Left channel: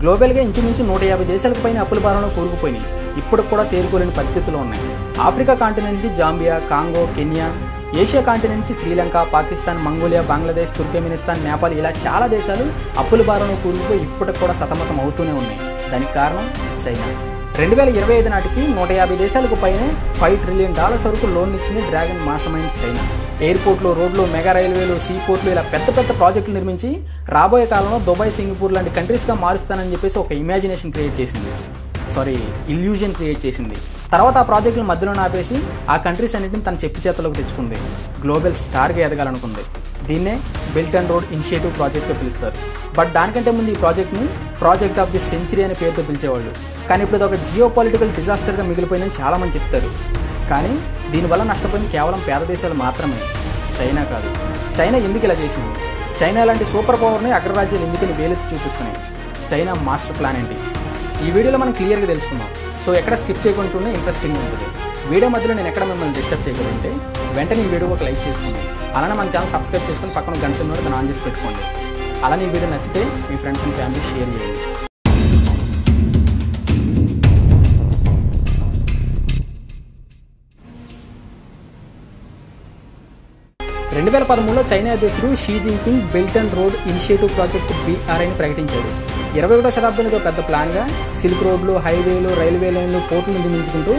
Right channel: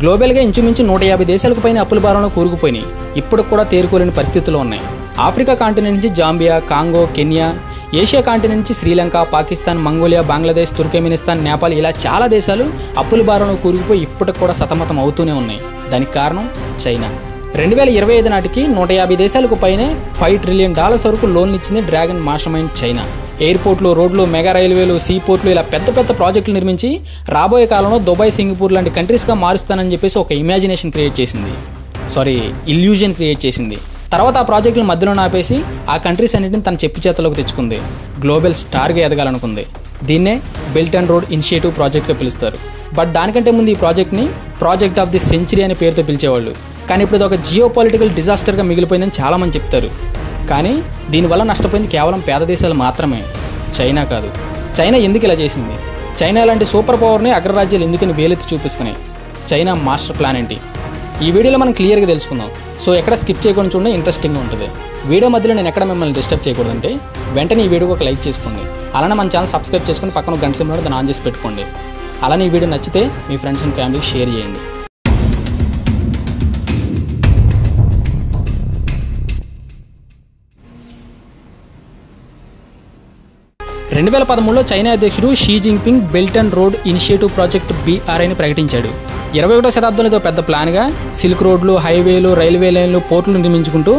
గ్లోబల్గా ఇంచుమించు 150 దేశాలకు పైన అప్పుల భారంలో కూరుకుపోయినాయి. ఇప్పుడు కూడా తేరుకోలేని పరిస్థితుల్లో ఉన్నాయి. ఆఫ్రికా కాంటినెంట్ నుంచి Zambia, Congo, Kenya, Asia continent నుంచి శ్రీలంక, పాకిస్తాన్, మంగోలియా, బంగ్లాదేశ్, తుర్కమెనిస్తాన్, నేపాల్ ఇలా చాలా దేశాలు అప్పుల భారంలో కూరుకుపోయి ఇప్పటికి కూడా సతమతం అవుతూనే ఉన్నాయి. దానికి కారణం చైనా. 2025 నాటికి 150 దేశాలకు పైనే $5 ట్రిలియన్ వరకు లోన్లు ఇచ్చింది డ్రాగన్ మాస్టర్ మైండ్ చైనా. ఎయిర్పోర్ట్లు, రోడ్లు, మెగా రైల్వేలు, సీపోర్ట్లు ఇలా పెద్ద పెద్ద ప్రాజెక్టులు నిర్మించి రాబోయే కాలంలో దుబాయ్, సింగపూర్ లాంటి కంట్రీస్గా మారుస్తానని చెప్పేసి ఒక ఇల్యూజన్ క్రియేట్ చేసింది. తర్వాత ఆ ప్రాజెక్టుల మధ్యలో ఆపేసి ఆ కంట్రీస్ అన్నింటిని తన చెప్పు చేతలోకి తెచ్చుకుంది. గ్లోబల్ స్టార్గా ఎదగాలనుకుంది. దీన్నే బెల్ట్ అండ్ రోడ్ ఇనిషియేటివ్ ప్రాజెక్ట్గా పిలుస్తారు. బట్ దానికంటే ముందు ఈ ప్రాజెక్ట్ని ప్రాజెక్ట్ ఆఫ్ ది సెంచరీ అనే పేరుతో పిలిచేవాళ్ళు. కానీ ఇప్పుడు ఒక జియో పొలిటికల్ డిజాస్టర్గా మిగిలిపోయిందని చాలామంది చెప్తారు. కానీ దీనివల్ల నష్టపోయింది కేవలం పేద దేశాలు మాత్రమే, చైనా కాదు. చైనా ఎందుకు ఇలా చేసింది? చైనా లాంటి సూపర్ పవర్ని అగ్రరాజ్యాలు ఎందుకని వేలెత్తి చూపిస్తున్నాయి? చైనా మాస్టర్ ప్లాన్ ఏంటి? ఈ వీడియోలో మనం క్లియర్గా తెలుసుకుందాం. సో ఎక్కడ స్కిప్ చేయకుండా చూడండి, ఇంట్రెస్టింగ్గా ఉంటుంది. వీడియో మధ్యలో నేను ఎక్కడ మిమ్మల్ని డిస్టర్బ్ చేయకూడదంటే వెంటనే ఈ వీడియోకి ఒక లైక్ చేసుకోండి. అలానే మన ఛానల్ సబ్స్క్రైబ్ చేసుకుని పక్కన గంట సింబల్ దాన్ని ఆన్ చేసి పెట్టుకోండి. అలానే ఈ వీడియో నచ్చితే మీ ఫ్రెండ్స్ అండ్ ఫ్యామిలీకి షేర్ చేయండి. 2013లో చైనా అధ్యక్షుడు Xi Jinping belt and road initiative project BRIని ప్రకటించాడు. 21వ శతాబ్దంలో పెద్ద ప్లాన్గా సిల్క్ రోడ్లు, హైవేలు, రైల్వే లైన్లు, పోర్టులు నిర్మించుకుంటూ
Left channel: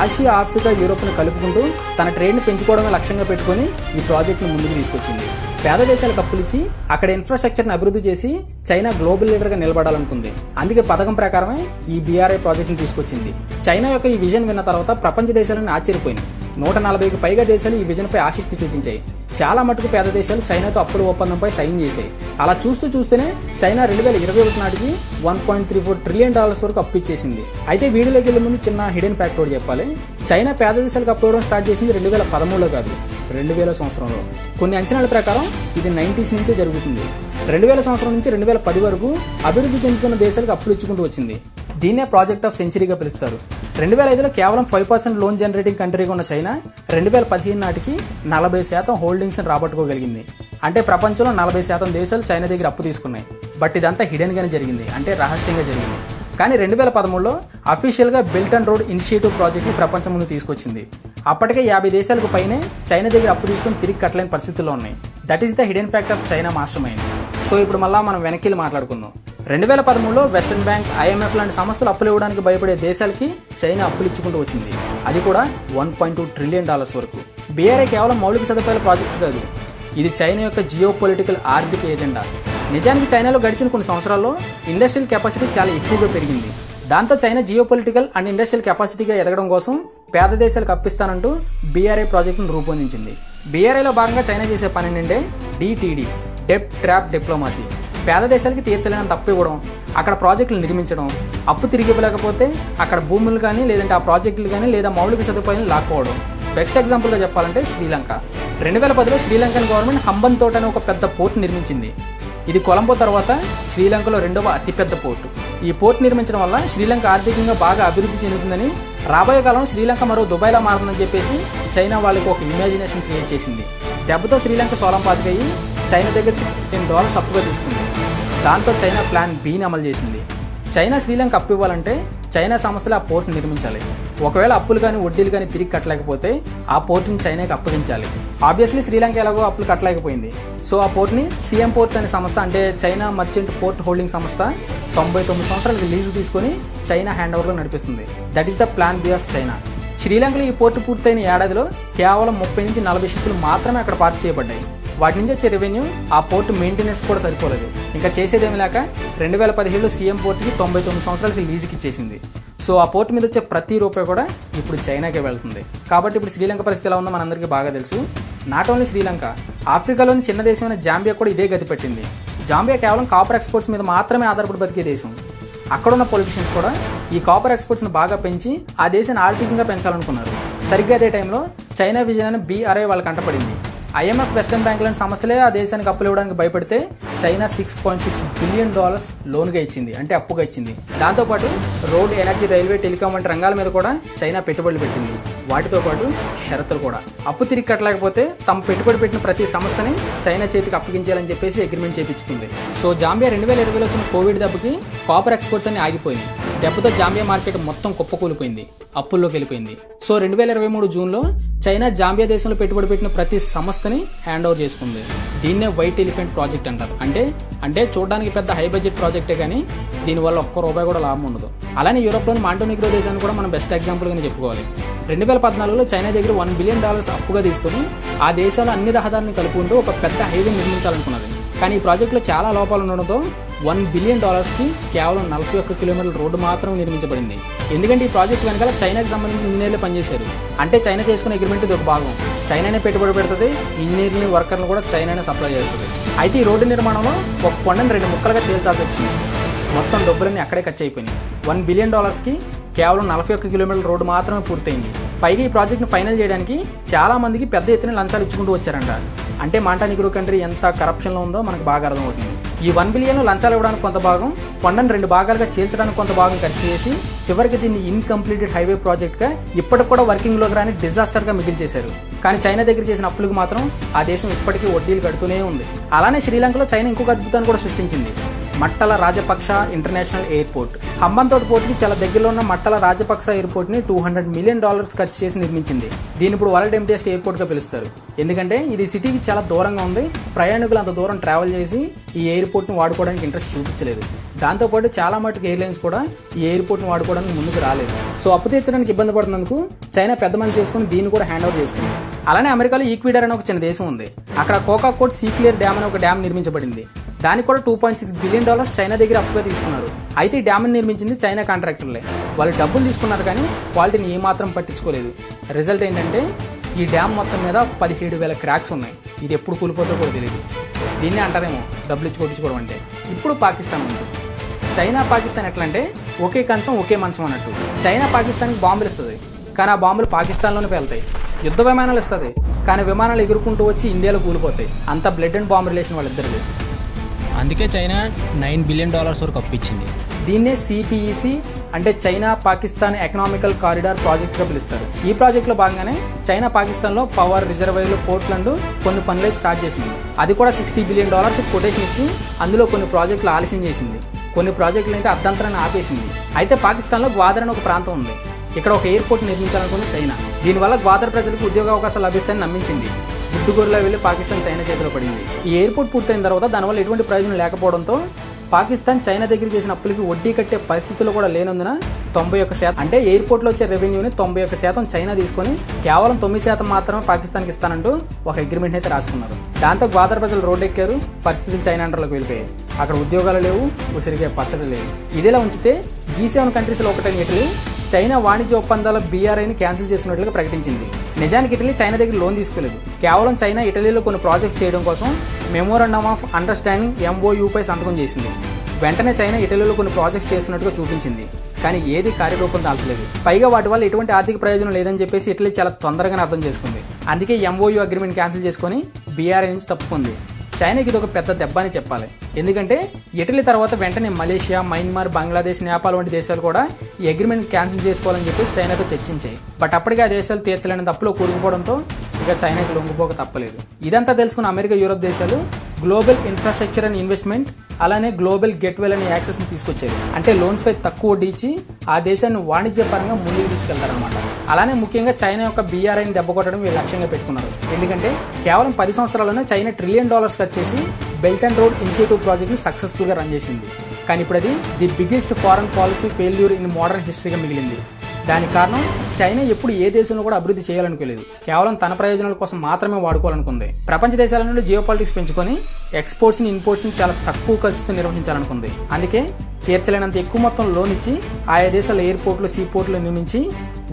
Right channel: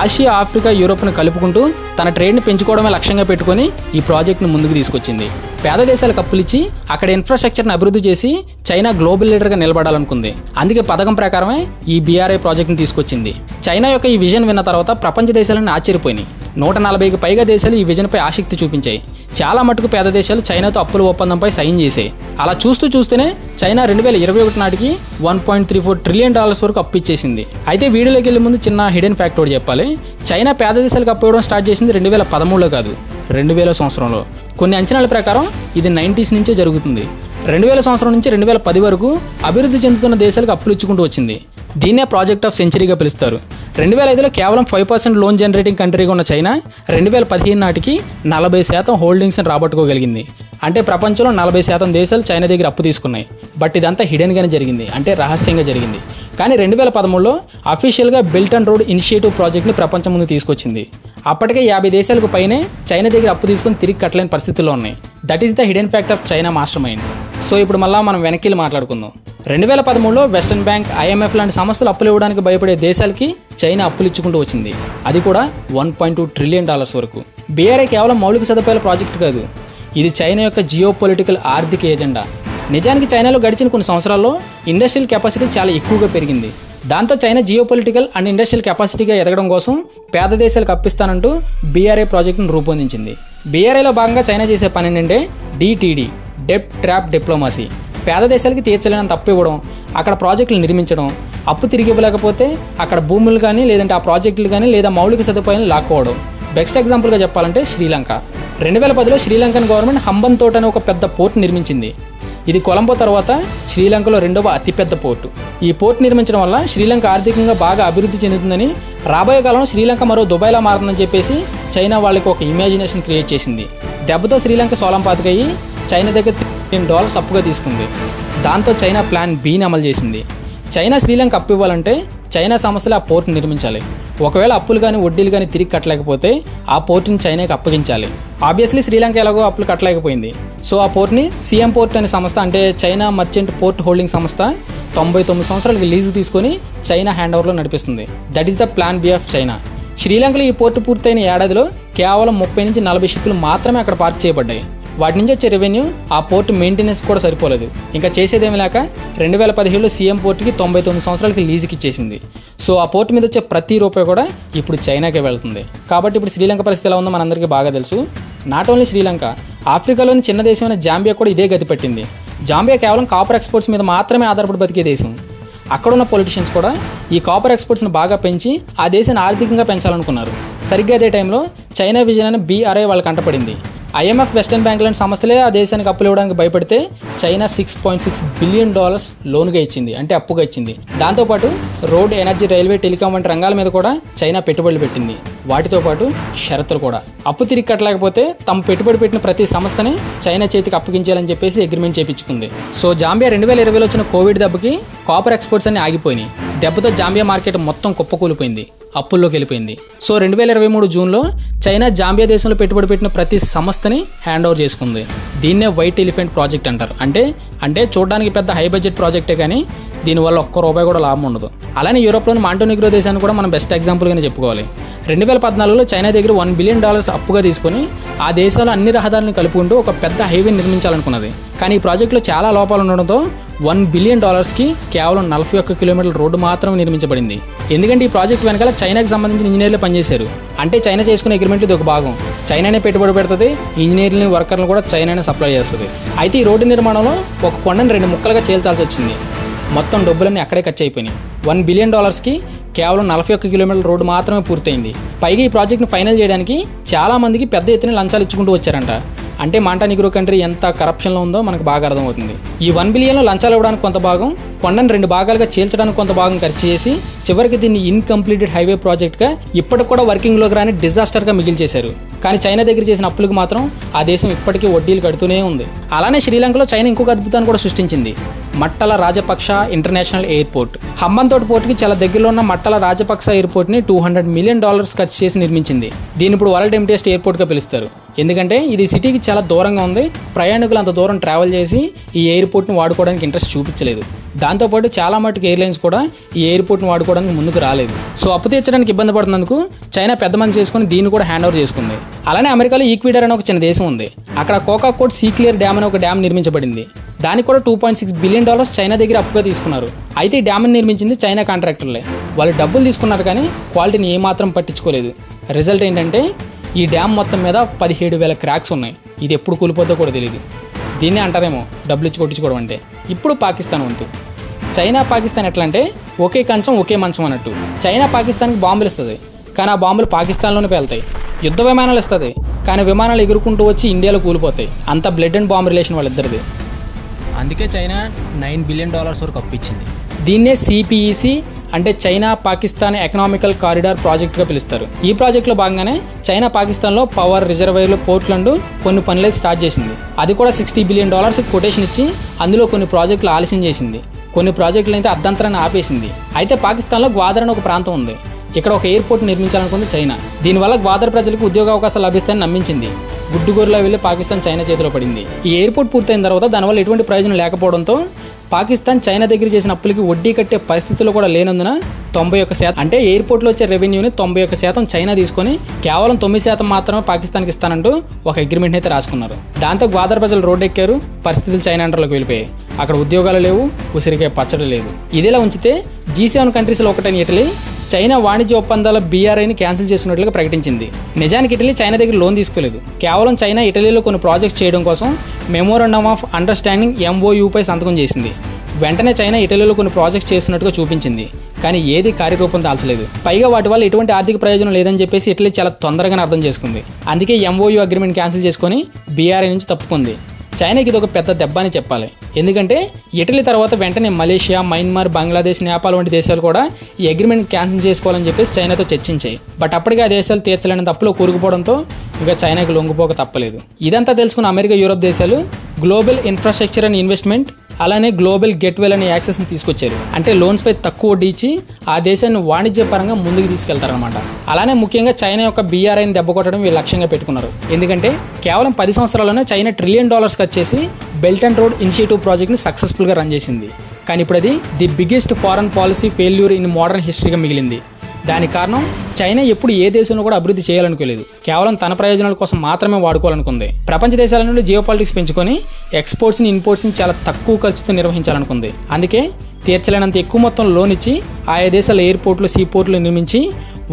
ఆసియా, ఆఫ్రికా, యూరోప్ను కలుపుకుంటూ తన ట్రేడ్ని పెంచుకోవడమే లక్ష్యంగా పెట్టుకుని ఈ ప్రాజెక్టును ముందుకు తీసుకొచ్చింది. పేద దేశాలకు అప్పులిచ్చి అక్కడ ఇన్ఫ్రాస్ట్రక్చర్ని అభివృద్ధి చేసి చైనా గ్లోబల్ లీడర్గా నిలబడాలనుకుంది. అందుకే పథకం ప్రకారమే ఈ BRI ప్రాజెక్ట్ని తీసుకొచ్చింది. చైనా యొక్క ఈ విజన్ విన్న తర్వాత ప్రపంచ దేశాలను ఆశ్చర్యపోయినాయి. 140కి పైగా దేశాలు ఈ విజన్పై ఆసక్తి చూపించాయి. చాలా మటుకు పేద దేశాలు చైనాతో అప్పుల ఒప్పందంపై సైన్ చేశాయి. అలా చూస్తూనే చైనా 2021 నాటికి $1.34 ట్రిలియన్ వరకు అప్పు ఇచ్చేసింది. అయితే వీడియోలోకి వెళ్లే ముందు చిన్న హిడెన్ ఫ్యాక్ట్ ఒకటి చెప్పాలి. చైనా పేద దేశాలకు అప్పు ఇవ్వడం స్టార్ట్ చేసింది 2013లో కాదు, 2000 సంవత్సరంలో. కొన్ని అంచనాల ప్రకారం ఇది 90s నుంచే జరుగుతుంది. 2000 సంవత్సరం నుంచి 2010 వరకు అభివృద్ధి చెందుతున్న దేశాలకు అప్పులు ఇచ్చుకుంటూ వచ్చింది. దీన్నే ప్రాజెక్ట్ ఆఫ్ సెంచరీగా పిలుస్తారు. 2005లో కేవలం 5% లోన్ జనరేటింగ్ కంట్రీగా ఉన్న చైనా 2015 నాటికి 40% హోల్డింగ్స్ని రాబట్టుకోగలిగింది. అంటే ప్రపంచంలో 40% దేశాలు చైనా దగ్గర అప్పు తీసుకున్నాయి. బట్ ఇదంతా హిడెన్గానే జరిగింది, అంటే రహస్యంగా జరిగింది. కానీ 2013లో అఫీషియల్గా బెల్ట్ అండ్ రోడ్ ఇనిషియేటివ్ ప్రాజెక్ట్ని ప్రపంచం ముందు తీసుకొచ్చింది. అప్పటికే 50 దేశాలకు పైనే చైనా దగ్గర అప్పు తీసుకుని తిరిగి కట్టలేని పరిస్థితుల్లో ఉన్నాయి. That is the hidden fact of China master mind. So ఇప్పుడు మళ్ళీ మనం వెనక్కి మాట్లాడుకుందాం. 2013లో వెస్టర్న్ బ్యాంక్, IMF లాంటి సంస్థలు అప్పులు ఇవ్వడానికి భయపడే దేశాలకి చైనా అప్పులు ఇచ్చుకుంటూ వచ్చింది. అది కూడా $1.2 ట్రిలియన్ వరకు. BRI కేవలం మౌలిక సదుపాయాల ప్రాజెక్టు కాదు, ఇది చైనా యొక్క జియో పొలిటికల్ ఆర్థిక ఎజెండా. నిజానికి చైనాలో గడిచిన కొన్ని సంవత్సరాల్లో ఇండస్ట్రియల్ కెపాసిటీ చాలా ఎక్కువగా పెరిగింది. దాంతో China geopolitical and industrial కెపాసిటీగా ఎదగడం కోసం పేద దేశాలకు అప్పిస్తానంటూ BRI ప్రాజెక్టును రూపొందించింది. BRIలో భాగంగా చైనా చేసే పని ఏంటంటే DTD, డెట్ ట్రాప్ డిప్లొమసీ. పేద దేశాలకి తీర్చలేనంత అప్పు ఇవ్వడం, అక్కడ ప్రాజెక్టులు నిర్మించడం, అప్పు తిరిగి ఇవ్వలేకపోతే అక్కడ భూములు కానీ లేదంటే ఆ ప్రాజెక్టులు కానీ లేదా మౌలిక సదుపాయాలు లాక్కోవడం. బెస్ట్ ఎగ్జాంపుల్గా చెప్పాలంటే శ్రీలంక. 2010లో శ్రీలంకన్ గవర్నమెంట్ హంబన్తోట అనే ఒక పెద్ద పోర్ట్ నిర్మించింది. ఇది కొలంబో తర్వాత శ్రీలంకలో 2వ అతిపెద్ద పోర్టు. ఈ పోర్ట్ నిర్మించడం వల్ల శ్రీలంక ఆర్థికంగా బాగా అభివృద్ధి చెందుతుందని, రాబోయే కాలంలో శ్రీలంక మరో దుబాయ్లా మారుతుందని చెప్పేసి చైనా వాళ్ళకి ఒక ఇమాజినేషన్ క్రియేట్ చేసింది. దెబ్బతో శ్రీలంక సోలంపాతికయ్యి చైనా దగ్గర $3 ట్రిలియన్ అప్పుగా తీసుకుంది. దాంతో చైనా ప్లాన్ Bని అమలు చేసింది. చైనా శ్రీలంక అప్పు ఇవ్వాలంటే చైనా సంస్థలు ఆ పోర్టును నిర్మించాలి. ఒకవేళ అప్పులు కానీ వడ్డీలు కానీ తిరిగి కట్టలేకపోతే ఆ పోర్టుని చైనాకి అప్పగించాలి. ఆబ్వియస్లీ శ్రీలంక ఎలాగో అప్పులు కట్టలేకపోయింది. సో ఆ పోర్ట్ని CM పోర్ట్ అనే సంస్థ, అంటే చైనా మర్చెంట్ పోర్ట్ హోల్డింగ్ సంస్థ 99 సంవత్సరాలకి లీజు తీసుకొని చైనా హ్యాండ్ ఓవర్లో నడిపిస్తుంది. That is the plan B of China. శ్రీలంకలో ఈ పోర్టు పూర్తయిన ఏడాదిలో కేవలం 30 నుంచి 40 షిప్లు మాత్రమే అక్కడ పార్క్ చేయబడ్డాయి. వాటి నుంచి వచ్చే రెవెన్యూ ఆ పోర్టు మెయింటెనెన్స్ కూడా సరిపోలేదు. ఇంకా చేసేదేమి లేక 2017లో CM పోర్టుకి 99 సంవత్సరాలకి లీజుకి ఇచ్చేసింది. సో ఆ పోర్టు మీద వచ్చే ప్రతి రూపాయి కూడా ఇప్పుడు చైనాకే వెళ్తుంది. కాబట్టి ఇప్పుడు శ్రీలంక పరిస్థితి ఎలా ఉందో మనందరికీ బాగా తెలుసు. నాట్ ఓన్లీ శ్రీలంక, ఆఫ్రికాలోని చిన్న దేశమైన జాంబియా కూడా ఇదే గతి పట్టింది. జాంబియా కేవలం కాపర్ ఎక్స్పోర్ట్స్ మీద మాత్రమే ఆధారపడి బతికే దేశం. అక్కడున్న పొలిటీషియన్స్ కూడా ఈ కాపర్ ఎక్స్పోర్ట్స్ని బాగా పెంచి ఆ దేశాన్ని ఆర్థికంగా పెంచాలనుకున్నారు. సరిగ్గా అదే టైంలో చైనా విజన్ అనే BRI వాళ్ళకి అంటపడింది. IMF, వెస్టర్న్ బ్యాంక్ లాంటి సంస్థలే ఆ దేశానికి అప్పులు ఇవ్వడానికి భయపడితే చైనా $6.6 బిలియన్ లోన్గా ఇచ్చింది, అంటే అప్పుగా ఇచ్చింది. దాంతోపాటు రోడ్, ఎనర్జీ, రైల్వే, టెలికాం వంటి రంగాల మీద కూడా చైనా పెట్టుబడులు పెట్టింది. వాటితో పాటు షరతులు కూడా. అప్పు తిరిగి కట్టలేకపోతే తమ పెట్టుబడి పెట్టిన ప్రతి సంస్థని చైనా చేతికి అప్పగించాలని చెప్పేసి అగ్రిమెంట్ చేయించుకుంది. సో జాంబియా 2020లో వచ్చిన కోవిడ్ దెబ్బకి కాపర్ ఎక్స్పోర్ట్స్ అన్ని ఆగిపోయినాయి. దెబ్బతో జాంబియా మార్కెట్ మొత్తం కుప్పకూలిపోయింది, అప్పుల్లోకి వెళ్ళిపోయింది. సో 2023 జూన్లో చైనా జాంబియా దేశంలో పెట్టుబడి పెట్టిన ప్రతి సంస్థని హ్యాండ్ ఓవర్ చేసుకుంది. దీన్నే వైట్ ఎలిఫెంట్ ప్రాజెక్ట్ అంటారు. అంటే చూడడానికి పెద్ద హై బడ్జెట్ ప్రాజెక్టే కానీ దీనివల్ల ₹1 కూడా లాభం ఉండదు. అలానే యూరోప్లోని మాంటోనిగ్రో దేశాన్ని కూడా మనం బెస్ట్ ఎగ్జాంపుల్గానే చెప్పుకోవాలి. 2014లో చైనా దగ్గర $1 బిలియన్ అప్పుగా తీసుకుని ఆ దేశాలు అన్ని రహదారులను కలుపుకుంటూ ఒక పెద్ద హైవే నిర్మించాలనుకున్నది. కానీ ఈ ప్రాజెక్టులో చాలా లోపాలు ఉండడంతో $1 బిలియన్ కేవలం 41 కిలోమీటర్ల రోడ్డు మాత్రం నిర్మించబడింది. ఎందుకంటే ఈ ప్రాజెక్ట్ వెనకాల చైనాకి సంబంధించిన ఇంజనీర్లు పనిచేశారు. అంటే చైనా చేసుకునే అగ్రిమెంట్ ఇది ఒక భాగం. చైనానే పెట్టుబడి పెడుతుంది, ఇంజనీర్లని, వర్కర్లు కూడా చైనానే సప్లై చేస్తుంది. అయితే ఈ రోడ్డు నిర్మాణంలో ఒక కొండను 2 ముక్కలుగా చేల్చాల్సి వచ్చింది. మొత్తం డబ్బులన్నీ అక్కడే ఖర్చు అయిపోయినాయి. $1 బిలియన్ కేవలం 41 కిలోమీటర్ల రోడ్డు మాత్రమే పూర్తయింది. పైగా ఈ ప్రాజెక్ట్ని ఫైనల్ చేయడానికి చాలా మందికి పెద్ద ఎత్తున లంచాలు ఇచ్చుకుంటూ వచ్చారంట. అంటే మాంటనిగ్రో కంట్రీ ఎంత కరప్షన్లో ఉందో మనకు బాగా అర్థమవుతుంది. ఈ $1 బిలియన్ లంచాలు ఇవ్వడానికి కొంత భాగం, కొండను 2 భాగాలుగా చీల్చడానికి కొంత భాగం ఖర్చు చేసి చివరికి దీన్ని ఇన్కంప్లీటెడ్ హైవే ప్రాజెక్ట్గా ఇప్పటికి కూడా వర్కింగ్లోకి రాని డిజాస్టర్గా మిగిల్చేశారు. కానీ చైనా దగ్గర చేసిన అప్పులకు మాత్రం ఆ దేశం ఇప్పటికీ వడ్డీలు కడుతూనే ఉంది. అలానే శ్రీలంకలో చైనా ఇంకొక అద్భుతాన్ని కూడా సృష్టించింది. మట్టల రాజపక్ష ఇంటర్నేషనల్ ఎయిర్పోర్ట్. హంబంతోట పోర్టుకి చాలా దగ్గరలో ఉన్న మట్టల రాజపక్ష ఎయిర్పోర్ట్ని $200 మిలియన్ ఖర్చు చేసి నిర్మించింది. దీని ఇప్పుడు వరల్డ్ ఎంప్టీయెస్ట్ ఎయిర్పోర్ట్గా పిలుస్తారు. ఎందుకంటే ఇది సిటీకి చాలా దూరంగా ఉంది. ప్రయాణికులు అంత దూరం ట్రావెల్ చేసి ఈ ఎయిర్పోర్ట్ని వాడుకోవడానికి ఇంట్రెస్ట్ చూపించలేదు. దాంతోపాటు చాలా మటుకు ఎయిర్లైన్స్ కూడా ఈ ఎయిర్పోర్ట్ని వాడుకోవడానికి ముందుకు రాలేదు. సో అప్పు తీర్చడానికి ఇబ్బంది పడుతున్నందుకు చైనా పెద్ద మనసు చేసుకుని దీన్ని కూడా హ్యాండ్ ఓవర్ చేసుకుంది. అలానే అమెరికాలో ఈక్వెడార్ అనే ఒక చిన్న దేశం ఉంది. అక్కడ కోకాకోట్ సీక్లియర్ డ్యామ్ అనే ఒక డ్యామ్ నిర్మించబడింది. దానికి కూడా $2.6 బిలియన్ చైనా దగ్గర అప్పుగా తీసుకున్నారు. అయితే ఈ డ్యామ్ని నిర్మించింది చైనా కాంట్రాక్టర్లే. వాళ్ళు డబ్బులు తీసుకున్నారు కానీ క్వాలిటీని ఏమాత్రం పట్టించుకోలేదు. రిజల్ట్ ఏంటంటే ఈ డ్యామ్ మొత్తం మీద 17,000 క్రాక్స్ ఉన్నాయి. ఇది ఎప్పుడు కూలిపోతుందో కూడా తెలియదు. దీన్నే అంటారేమో డబ్బులు ఇచ్చి కొట్టించుకోవడం అంటే. ఇప్పుడు పాకిస్తాన్ వంతు. చైనా పాకిస్తాన్ ఎట్లా అంటే ఒకే కంచం ఒకే మంచం అన్నట్టు. చైనా పాకిస్తాన్కి బాంబులు ఇస్తుంది, కానీ ఆ బాంబులు పాకిస్తాన్లోనే పేలుతాయి. యుద్ధ విమానాలు ఇస్తుంది, కానీ విమానాలు ఎగురుకుంటూ వచ్చి ఇండియాలో కూలిపోతాయి. అంత బ్లడ్ అండ్ బాంబ్ రిలేషన్ వాళ్ళిద్దరిది. అందుకే చైనా $9 బిలియన్ వరకు అప్పు ఇచ్చింది. దీన్నే CPEC అంటే చైనా పాకిస్తాన్ ఎకనామికల్ కారిడార్ ప్రాజెక్ట్గా పిలుస్తారు. ఈ ప్రాజెక్టులో భాగంగానే చైనా పాకిస్తాన్లో పవర్, రిజర్వాయర్లు, పోర్ట్లండ్ కొన్ని పనులు స్టార్ట్ చేసింది. అది కూడా $60 బిలియన్ కొటేషన్ ఇచ్చి అందులో కొన్ని ప్రాజెక్టులు ఆలస్యం చేసింది. కొన్ని ప్రాజెక్టులు అయితే అర్ధంతరాన్ని ఆపేసింది. అయితే పాకిస్తాన్లో గ్వాదర్ అనే ఒక ప్రాంతం ఉంది. ఇక్కడ ఒక ఎయిర్పోర్ట్ నిర్మించాలనుకుంది చైనా. దీనివల్ల గ్వాదర్ ప్రజలకు ఉద్యోగ అవకాశాలు లభిస్తాయని నమ్మించింది. గుడ్డుగోరులా వెళ్ళి పాకిస్తాన్ చైనా చేతిలో పడింది. ఈ ఎయిర్పోర్ట్ పూర్తయిన తర్వాత దానివల్ల ఎటువంటి ప్రయోజనం లేకపోవడంతో పాకిస్తాన్ చైనా దగ్గర చేసిన అప్పులకి వడ్డీ కట్టే పరిస్థితుల్లో కూడా లేనందున 91% అంటే ఎయిర్పోర్ట్లో వచ్చే రెవెన్యూని 91% చైనా తీసుకొని కేవలం 9% మాత్రమే పాకిస్తాన్కి ఇస్తానంటూ ఒక అగ్రిమెంట్ అయితే రాసుకున్నారు. దాంతో గ్వాదర్ ప్రజలు రోడ్డెక్కారు. పరిస్థితులు చైనా అండర్లోకి వెళ్ళిపోయాయి. అక్కడ ఉద్యోగాలు లేవు, ఉసిరికాయ పచ్చడి లేదు. ఇదిలా ఉంచితే G7 కంట్రీస్లో ఒకటైన ఇటలీ చైనా వాణిజ్య ఒప్పందాల BRIని క్యాన్సిల్ చేసినట్లుగా ప్రకటించింది. నిజానికి ఇటలీ చైనా దగ్గర లోన్ తీసుకోలేదు. కేవలం చైనా ఇటలీలో కొన్ని ప్రాజెక్ట్స్ చేయడం కోసం మెమోరాండమ్ ఆఫ్ అండర్స్టాండింగ్ MOUపై సంతకం చేసింది. వెంటనే చైనా ఇటలీలో కొన్ని ప్రాజెక్ట్స్ చేస్తున్నట్టుగా చూపించింది. కానీ ఏది కార్యరూపం దాల్చలేదు. పైగా వాటి వల్ల ఎటువంటి ఆర్థిక ప్రయోజనం లేదని చెప్పేసి ఇటలీ చాలా తొందరగానే అర్థం చేసుకుంది. అందుకే MOU అగ్రిమెంట్ క్యాన్సిల్ చేసుకొని BRI నుంచి తప్పుకుంది. చైనాకి ఇది ఒక పెద్ద దెబ్బ అని చెప్పాలి. ఎందుకంటే ఇటలీ తర్వాత వెంటనే మలేషియా, మయన్మార్, బంగ్లాదేశ్, నేపాల్ వంటి దేశాలు కూడా ఈ అగ్రిమెంట్ క్యాన్సిల్ చేసుకోవాలని చెప్పేసి చైనాతో చర్చించాయి. బట్ అప్పటికే ఆ దేశాలు తీర్చలేని తప్పులో కూరుకుపోవడంతో ఇక చైనాకి లొంగిపోక తప్పలేదు. ఇదంతా తెలుసుకున్న అమెరికా, యూరోప్ దేశాలు గ్లోబల్ ఇన్ఫ్రాస్ట్రక్చర్ అండ్ ఇన్వెస్ట్మెంట్ అలానే గ్లోబల్ గెట్వేల్ అనే యాక్సెస్ని తీసుకొచ్చారు. అంటే లోన్స్పై తక్కువ వడ్డీ ఇచ్చి ఆ దేశాన్ని వాణిజ్యపరంగా ముందుకు తీసుకెళ్తారనమాట. అలానే ముఖ్యంగా చైనా యొక్క BRIని దెబ్బ కొట్టడం వీళ్ళు లక్ష్యంగా పెట్టుకున్నారు. ఎందుకంటే కేవలం 10 సంవత్సరాల్లోనే చైనా $1 ట్రిలియన్ ఖర్చు చేసి బెల్ట్ అండ్ రోడ్ ఇనిషియేటివ్ ప్రాజెక్ట్ని సక్సెస్ఫుల్గా రన్ చేసింది. కానీ ఇప్పుడు అది the biggest foreign policy failure in modern హిస్టరీగా మిగిలింది. దానికి కారణం చైనా ఎప్పుడు ఏ దేశంలో కూడా అభివృద్ధి చేయాలనుకోలేదు. కేవలం తన ప్రయోజనాల కోసం మాత్రమే వాడుకోవాలనుకుంది. ప్రపంచ దేశాల నుండి జియో పాలిటిక్స్ పెంచుకొని ఎక్స్పోర్ట్స్ని, ఇన్పోర్ట్స్ని చాలా తక్కువ ఖర్చుతో నిర్వహించాలనుకుంది. అందుకే తీర్చలేనంత ఎక్కువ మొత్తం లోన్ ఇచ్చి ఆయా దేశాల ఎయిర్పోర్ట్లు, సీపోర్ట్లు నిర్మించి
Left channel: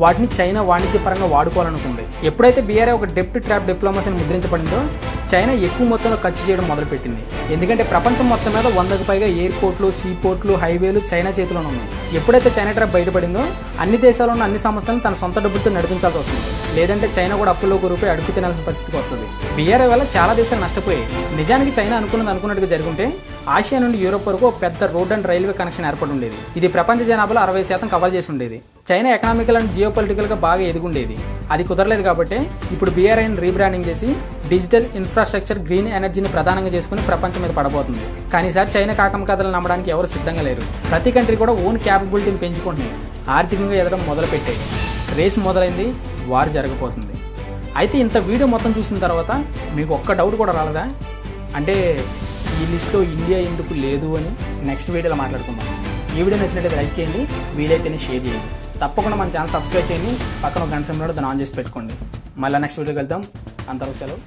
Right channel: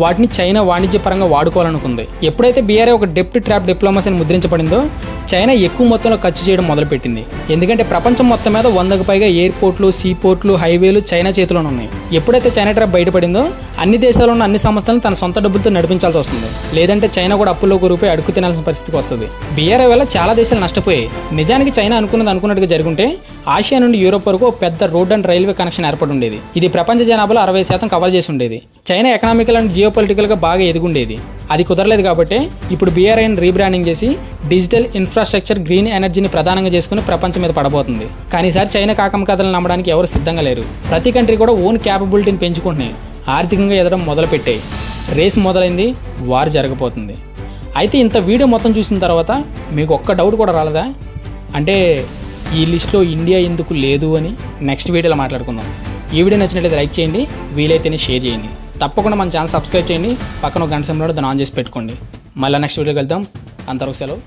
వాటిని చైనా వాణిజ్యపరంగా వాడుకోవాలనుకుంది. ఎప్పుడైతే బీఆర్ఐ ఒక డెప్ట్ ట్రాప్ డిప్లొమసీని ముద్రించబడిందో చైనా ఎక్కువ మొత్తంలో ఖర్చు చేయడం మొదలుపెట్టింది. ఎందుకంటే ప్రపంచం మొత్తం మీద 100కు పైగా ఎయిర్పోర్ట్లు, సీపోర్ట్లు, హైవేలు చైనా చేతిలోనే ఉన్నాయి. ఎప్పుడైతే చైనా ట్రాప్ బయటపడిందో అన్ని దేశాల్లో ఉన్న అన్ని సంస్థలను తన సొంత డబ్బులతో నడిపించాల్సి వస్తుంది. లేదంటే చైనా కూడా అప్పుల్లో ఒక రూపాయి అడుగు తినాల్సిన పరిస్థితికి వస్తుంది. బీఆర్ఐ వల్ల చాలా దేశాలు నష్టపోయాయి. నిజానికి చైనా అనుకున్నట్టుగా జరుగుంటే ఆసియా నుండి యూరోప్ వరకు పెద్ద రోడ్ అండ్ రైల్వే కనెక్షన్ ఏర్పడి ఉండేది. ఇది ప్రపంచ జనాభాలో 60% కవర్ చేసి ఉండేది. చైనా ఎకనామికల్ అండ్ జియోపొలిటికల్ గా బాగా ఎదుగుండేది. అది కుదరలేదు కాబట్టి ఇప్పుడు బీఆర్ఐని రీబ్రాండింగ్ చేసి డిజిటల్ ఇన్ఫ్రాస్ట్రక్చర్, గ్రీన్ ఎనర్జీని ప్రధానంగా చేసుకుని ప్రపంచం మీద పడబోతుంది. కానీ ఈసారి చైనా కాకం కథలు నమ్మడానికి ఎవరు సిద్ధంగా లేరు. ప్రతి కంట్రీ కూడా ఓన్ క్యాపబిలిటీని పెంచుకుంటున్నాయి, ఆర్థికంగా ఎదగడం మొదలుపెట్టాయి. రేస్ మొదలైంది, వార్ జరగబోతుంది. అయితే ఇంత వీడియో మొత్తం చూసిన తర్వాత మీకు ఒక్క డౌట్ కూడా రాలేదా? అంటే ఈ లిస్ట్లో ఇండియా ఎందుకు లేదు అని నెక్స్ట్ వీడియోలో మాట్లాడుకుందాం. ఈ వీడియో నచ్చినట్లయితే లైక్ చేయండి, వీలైతేనే షేర్ చేయండి. తప్పకుండా మన ఛానల్ సబ్స్క్రైబ్ చేయండి, పక్కన ఒక గంట సమయంలో దాన్ని ఆన్ చేసి పెట్టుకోండి. మళ్ళీ నెక్స్ట్ వీడియోకి వెళ్తాం. అంతవరకు సెలవు.